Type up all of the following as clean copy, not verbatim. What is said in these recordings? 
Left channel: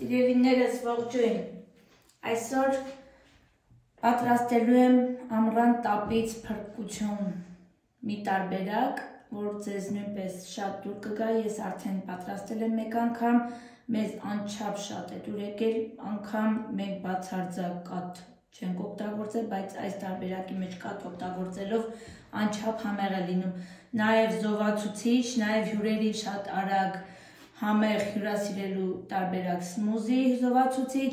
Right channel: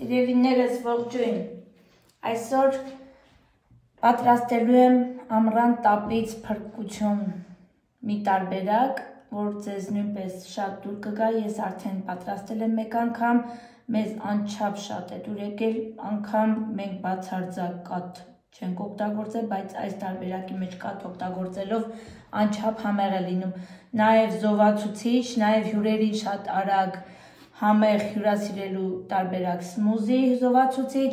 Սիրելիներս ողջույն, այսօր պատրաստելու եմ ամռան տապից փրկություն մի տարբերակ, որ ձեզ նույնպես շատ դուր կգա, ես արդեն պատրաստել եմ մեկ անգամ, մեզ անչափ շատ է դուր եկել, անգամ մենք բացարձակ կաթ չենք օգտագործել, բայց այս տարբերակի մեջ կաթ օգտագործելով անչափ համեղ է լինում, նաև զովացուցիչ, նաև հյուրերին շատ արագ համեղ հյուրասիրելու տարբերակ սմուզի զովացուցիչ,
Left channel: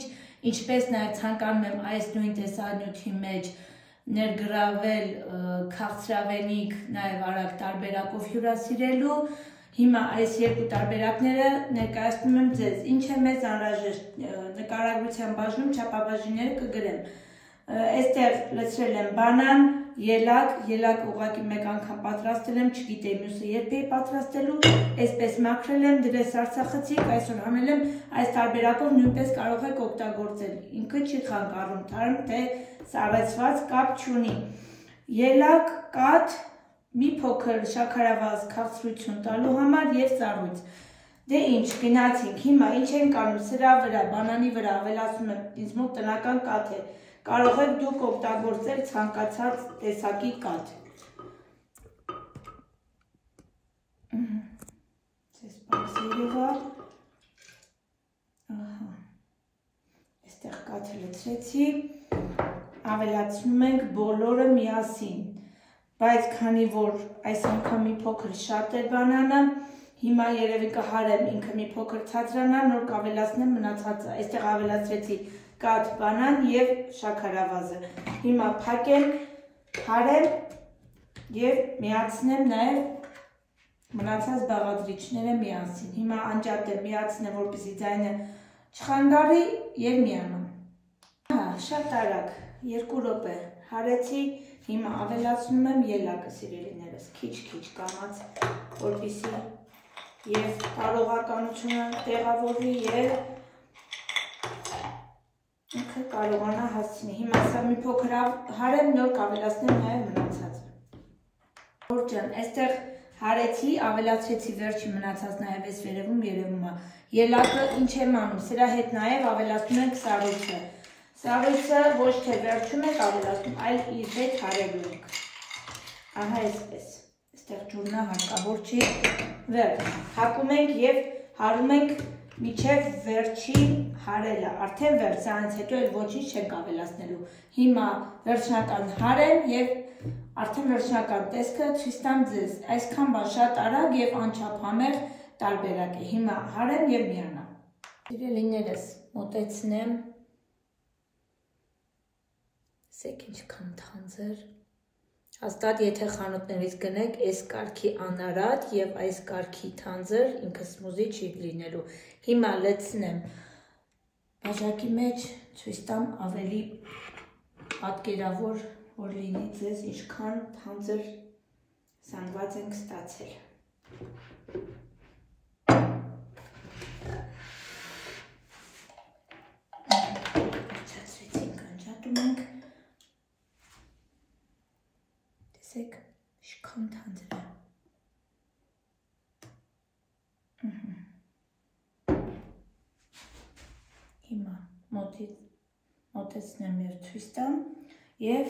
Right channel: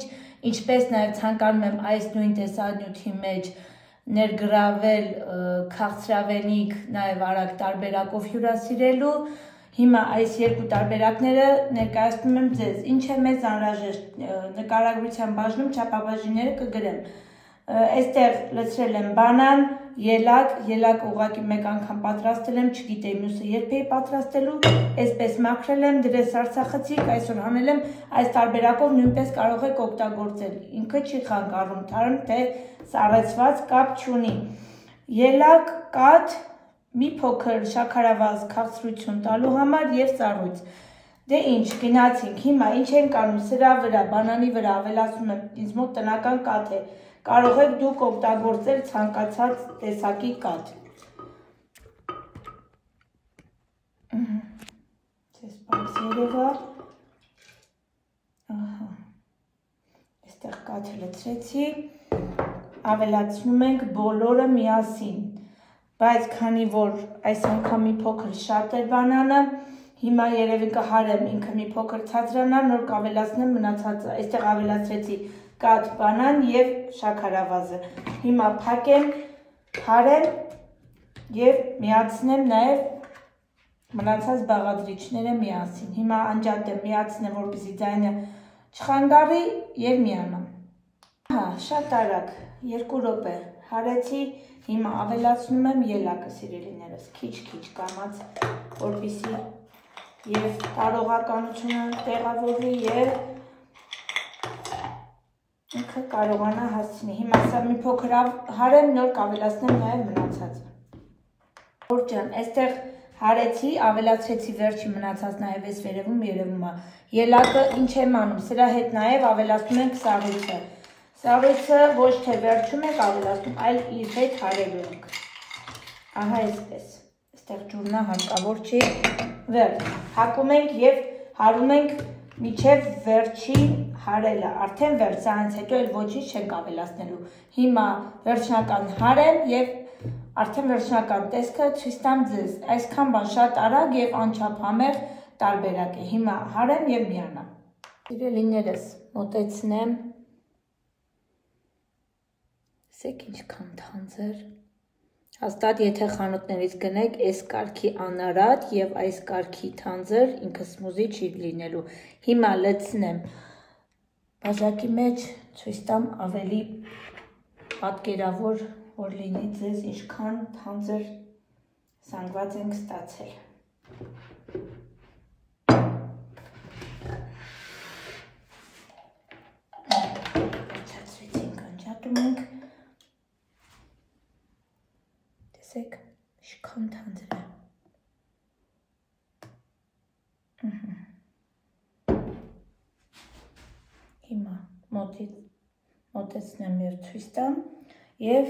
ինչպես նաև ցանկանում եմ այս նույն տեսանյութի մեջ ներգրավել քաղցրավենիք նաև արագ տարբերակով հյուրասիրելու, հիմա այս երկու տարբերակները ներկայացնում եմ ձեզ, ինչ է մեզ անհրաժեշտ նկարագրության բաժնում չափաբաժինները կգրեմ, այստեղ լցրել եմ բանան, ելակ ուղղակի մեկ անգամ պատրաստել եմ, չգիտեի մյուսը երբ էի պատրաստելու, այսպես մաքրել եմ, դրես արցախցիկ, այսօր հանել եմ, այս տարբերակով նույնպես կարող եք օգտագործել, ինքը չի խանգարում, թարմ թե սառեցված կապ չունի, ելակ, կաթ, մի փոքր շաքարավազ քաղցրություն տալու համար և ծառույց, դե ինչ, գնացինք, հիմա ինչ ենք անում, սրա վրա, բանանի վրա ավելացնում եմ, ինձ մոտ տնական կաթ է, կարող եք դուք օգտագործել ցանկացած տեսակի կաթ։ Ձեզ պարզ երևա, այստեղ կաթը լցրեցի, ավելացնում ենք բոլորը միասին, բայց քանի որ այս անգամ մի փոքր շատ է բանանը, հիմա երևի կհարեմ ինքը մի փոքր ցածրանա, նոր կավելացնեմ մնացածը, այստեղ ավելացրեցի կաթ, բանան և շաքարավազը, հիմա փակեմ, հարեմ և միացնեմ նաև մնացած բաղադրիչները միասին, հիմա անջատեմ, միացնեմ, որպեսզի ձայնը չխանգարի և միանամ, շատ արագ, 2 րոպե հարեցի, հիմա ավելացնում եմ ելակը սիրելիներս, քիչ կամաց, որպեսզի և կարողականությունը տեղավորվի և ինքը կարողանա հասցնի, հիմա սա մի փոքր հարեմ, նոր կավելացնեմ նաև մնացածը, ջան, այստեղ հարեցի, ավելացրեցի վերջի մնացած նաև այս վերևում երևում է, ելակը ինչ եմ անում, սրա հետ նաև ավելացնում ենք սառույցը, սառույցը ոչ թե վերջում ենք ավելացնում, այլ իր հետ հարելու ենք, ահա այսպես, այստեղ ջուրնա հարկավոր չի, վերջ, հակում ենք և հարում ենք մինչև վերջի հարելը, արդեն վերջ, սրանից հետո էլ ոչինչ չենք ավելացնելու, հիմա վերջնական հարեմ և արդեն վերջնական տեսքը ցույց տամ ձեզ, այսքան բան շատ արագ և անչափ համեղ տարբերակ է, հիմա հարեմ և միանամ, սիրելիներս մոտեցնեմ, ասեք ինչքան թանձր, հաստատ եթե խանութներից գնեք, այս կարգի անարատ և այս կարգի թանձր ինքը սմուզի չի լինելու, հիմա լցնեմ բաժակի մեջ, ցույց տամ ավելի պատկերավոր, որ լինի ձեզ ինչքան թանձր զանգված ենք ստացել։ Վերջացրեցինք, անջատում ենք, տեսեք, ինչքան թանձր է։ Հիմա մոտեցնեմ և ցույց տամ և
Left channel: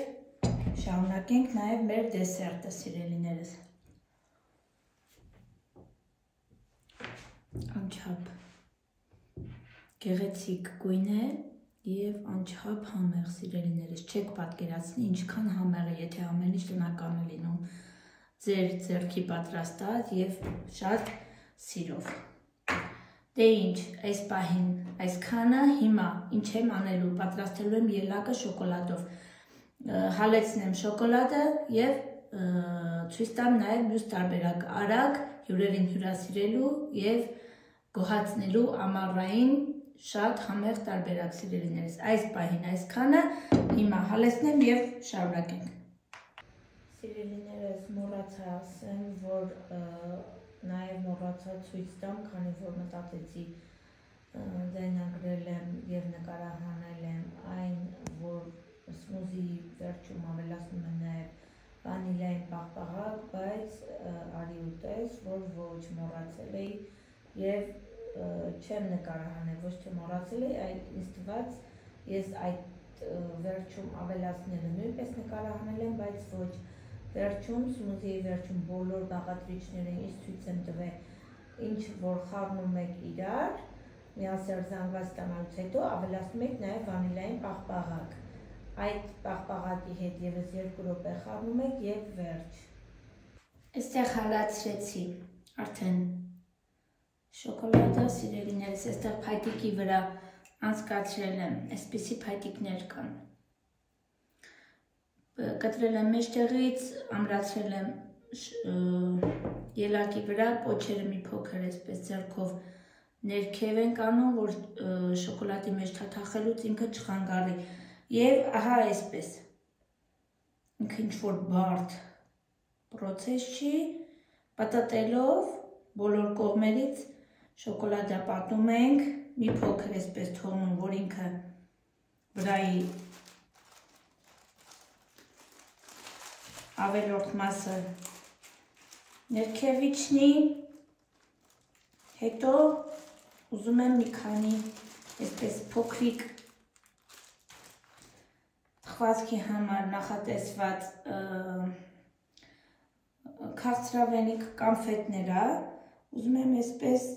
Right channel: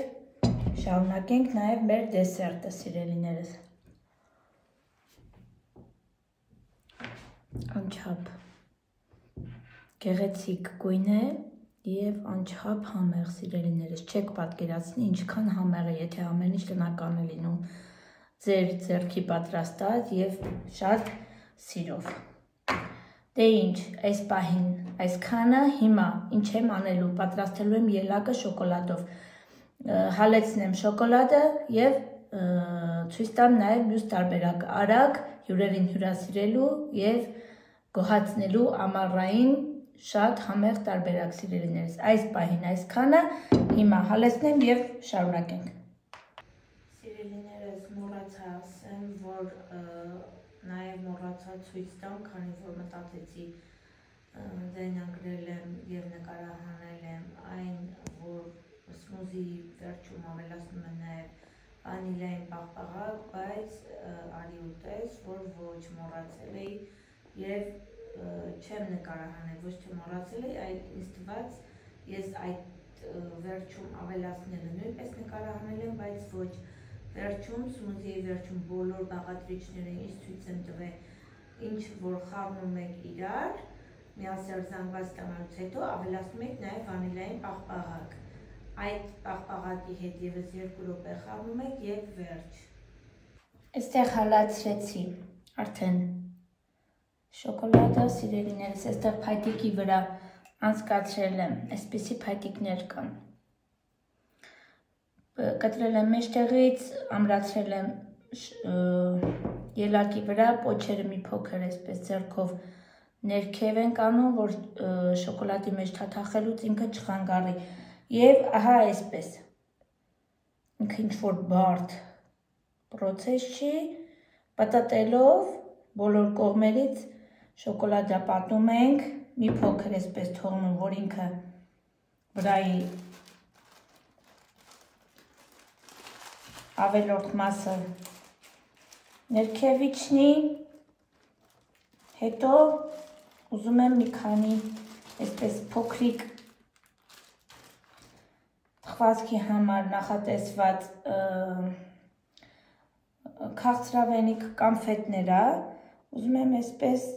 շարունակենք նաև մեր դեսերտը սիրելիներս։ Անչափ գեղեցիկ գույն է և անչափ համեղ սիրելիներս, չեք պատկերացնի ինչքան համեղ է, եթե ամեն ինչ տնական է լինում, ձեր ձեռքի պատրաստած և շատ սիրով։ Դե ինչ, այս պահին այսքանը, հիմա ինչ եմ անելու, պատրաստելու եմ ելակը շոկոլադով, հալեցնեմ շոկոլադը և ցույց տամ նաև մյուս տարբերակ, արագ հյուրերին հյուրասիրելու և գոհացնելու ամառային շատ համեղ տարբերակ սիրելիներս, այս պահին այսքանը, հիմա հալեցնեմ և շարունակենք։ Սիրելիներս մոռացա ասեմ, որ նաև մոռացա ցույց տամ, քանի որ մտածեցի ձայնագրել եմ և նկարահանել եմ այն, որ սմուզիի վերջում ավելացնում եմ նաև վանիլային պաղպաղակ, բայց արի ուտես, որ ոչ մոռացել էի և չեմ նկարահանել, ոչ թե մոռացել էի, այլ ինձ թվաց ես այդ վերջում ավելացնելը նույնպես նկարահանել եմ, բայց ոչ վերջում, սմուզիի վերջում բոլոր բաղադրիչները ինձ ցույց եմ տվել ինչ որ խառնում եք իրար, միասեռ զանգված ստանալուց հետո ավելացնում եք նաև վանիլային պաղպաղակ։ Այդ պաղպաղակի հետ ևս 2 րոպե խառնում եք եւ վերջ։ Այստեղ հալածրեցի արդեն շոկոլադը, սիրելիներս, այստեղ փայտիկի վրա անցկացրել եմ, այսպիսի փայտիկներ կան։ Կտրել եմ մեջտեղից, ամրացրել եմ ելակի վրա, պոչերը մի փոքր այսպես ձեռքով ներքև ենք անում, որ շոկոլադի մեջ թաթախելուց ինքը չխանգարի։ Եվ ահա այսպես, ինքը ինչ-որ բարդ պրոցես չի, պատատելով բոլոր կողմերից շոկոլադը պատում ենք, մի փոքր այսպես թողնում, որ ինքը վրայի ավելորդ մասը ներքև իջնի, հետո ուզում եմ մի քանի այսպես փոքրիկ թխվածքի համար նախատեսված քաղցրավենիք կամֆետները, ուզում եմ այսպես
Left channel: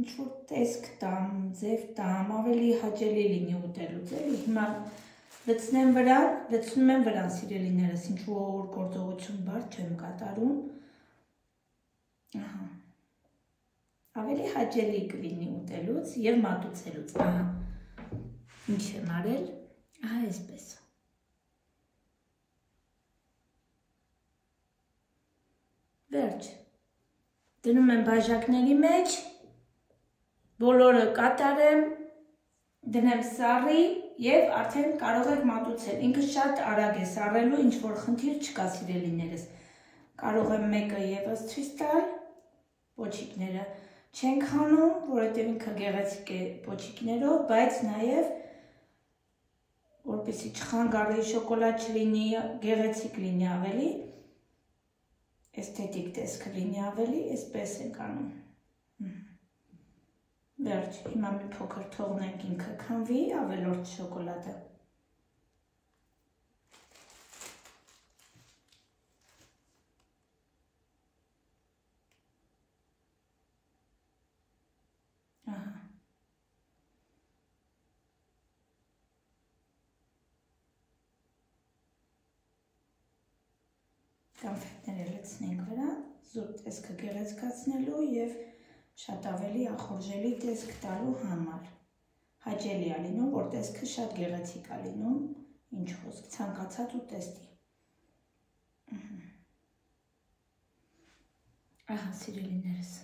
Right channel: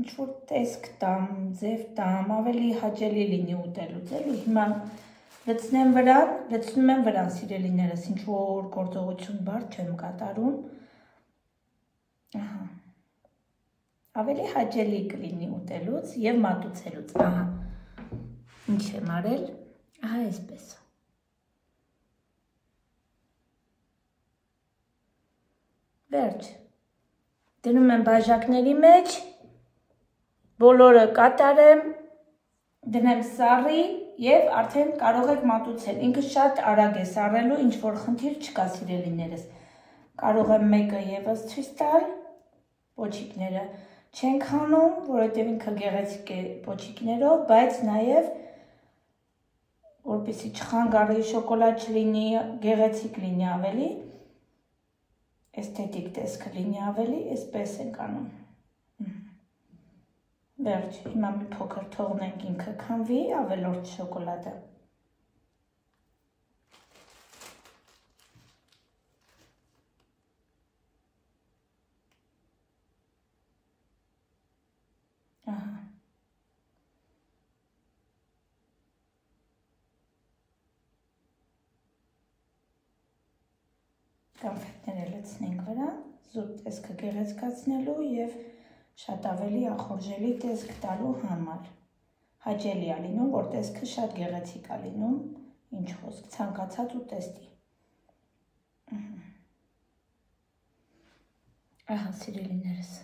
ինչ-որ տեսք տամ, ձև տամ, ավելի հաճելի լինի ուտելուց, էլի հիմա լցնում եմ վրան, սիրելիներս, ինչ-որ գործողություն բարդ չեմ կատարում, ավելի հաճելի կլինի ուտելուց և մատուցելուց, ահա, ինչ եմ արել, ահա այսպես։ Վերջ, դնում եմ բաժակների մեջ, բոլորը կատարեմ, դնեմ սառի և արդեն կարող եք մատուցել, ինքը շատ արագ է սառելու, ինչ-որ խնդիր չկա սիրելիներս, կարող եմ մեկը ևս ցույց տալ, պոչիկները չենք հանում, որովհետև ինքը գեղեցիկ է պոչիկներով, բայց նաև որպեսզի չխանգարի, շոկոլադ չլինի, գեղեցիկ լինի ավելի, էսթետիկ տեսքը լինի ավելի, այսպես ենք անում։ Վերջ, հիմա մի փոքր թողնենք ինքը քնվի, ավելորդ շոկոլադը։ Կամֆետները լցնենք վրա, զուտ տեսքը գեղեցկացնելու և շատ ավելի ախորժելի տեսք տալու համար։ Հաճելի է լինում, որ տեսքը շատ գեղեցիկ է լինում, ինչ խոսք, ցանկացած ուտեստի։ Ահա, սիրելիներս։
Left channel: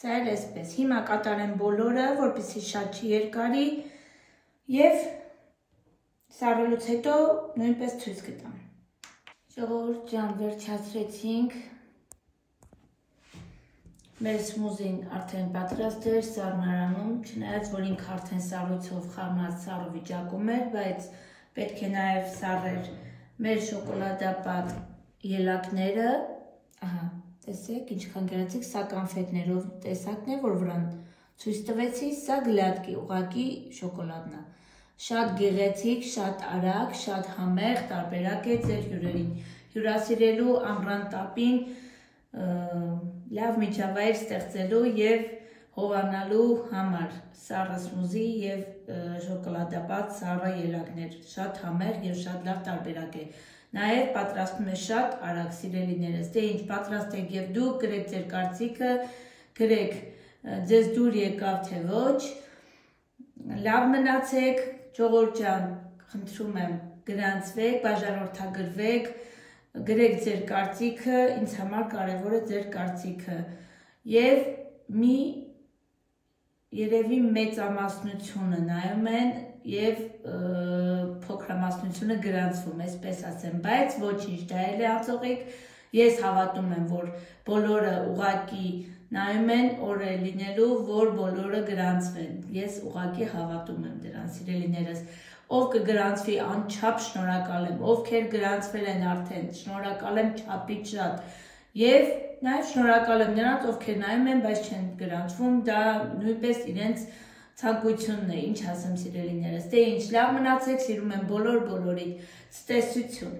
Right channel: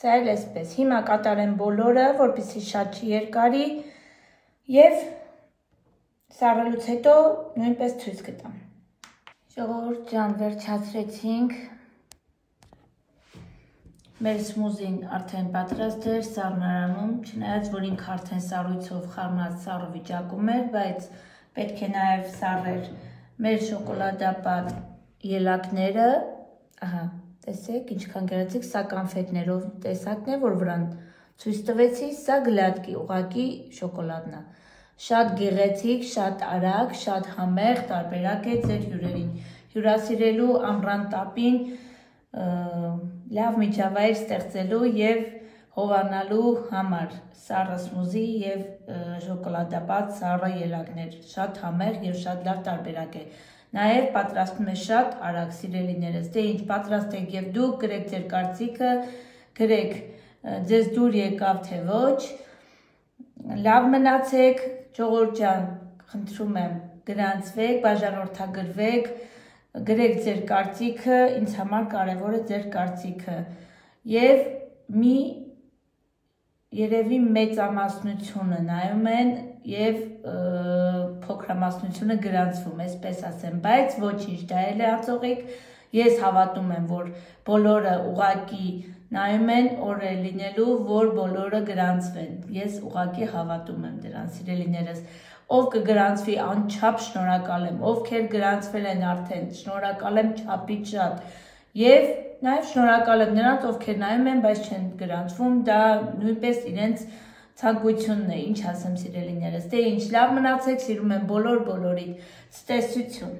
Սա էլ այսպես, հիմա կատարեմ բոլորը, որպեսզի շատ չերկարի և սառելուց հետո նույնպես ցույց կտամ։ Ժողովուրդ ջան, վերջացրեցինք։ Մեր սմուզին արդեն պատրաստ էր սառնարանում, չնայած որ ինքը արդեն սառույցով խառնած սառը վիճակում էր, բայց պետք է նաև սառեր մեր շոկոլադապատ ելակները, ահա, տեսեք, ինչքան գեղեցիկ, սա կամֆետներով տեսակն է, որ վրան ցույց տվեցի, սա գլատկի, ուղղակի շոկոլադն է։ Շատ գեղեցիկ, շատ արագ, շատ համեղ, տարբերակ է ձեր հյուրերին հյուրասիրելու, ամռան տապին լավ միջավայր ստեղծելու և հովանալու համար սառը սմուզի և շոկոլադապատ սառը ելակներ, շատ համեղ և շատ լավ տարբերակ է։ Նաև պատրաստում է շատ արագ, սիրելիներս, դե ինչ պատրաստեք և դուք գրեք ձեր կարծիքը, գրեք ձեզ դուր եկավ թե ոչ, լավ մնացեք, ժողովուրդ ջան, խնդրում եմ գրանցվեք, բաժանորդագրվեք, գրեք ձեր կարծիքը, ինձ համար կարևոր է ձեր կարծիքը և մի երևի մեծամասնությունը նայում են և փոքրամասնությունը գրանցվում, այսպես ասեմ, բայց ոչինչ, դա էլ է ածողիկ, ես հավատում եմ, որ բոլորը ուղղակի նայում են օր է լինելու, որ բոլորը գրանցվեն, ես ուղղակի հավատում եմ դրան, սիրելիներս, ով կգրանցվի անչափ շնորհակալ եմ, ովքեր գրանցվել են արդեն, շնորհակալ եմ չափից շատ և նաև շնորհակալ եմ նրանց, ովքեր նայում են, բայց չեն գրանցվում, դա նույնպես իրենց ցանկությունն է, ինչ ասեմ սիրելիներս, թե ինչ լավ մնացեք, սիրում եմ բոլորիդ, ցտեսություն։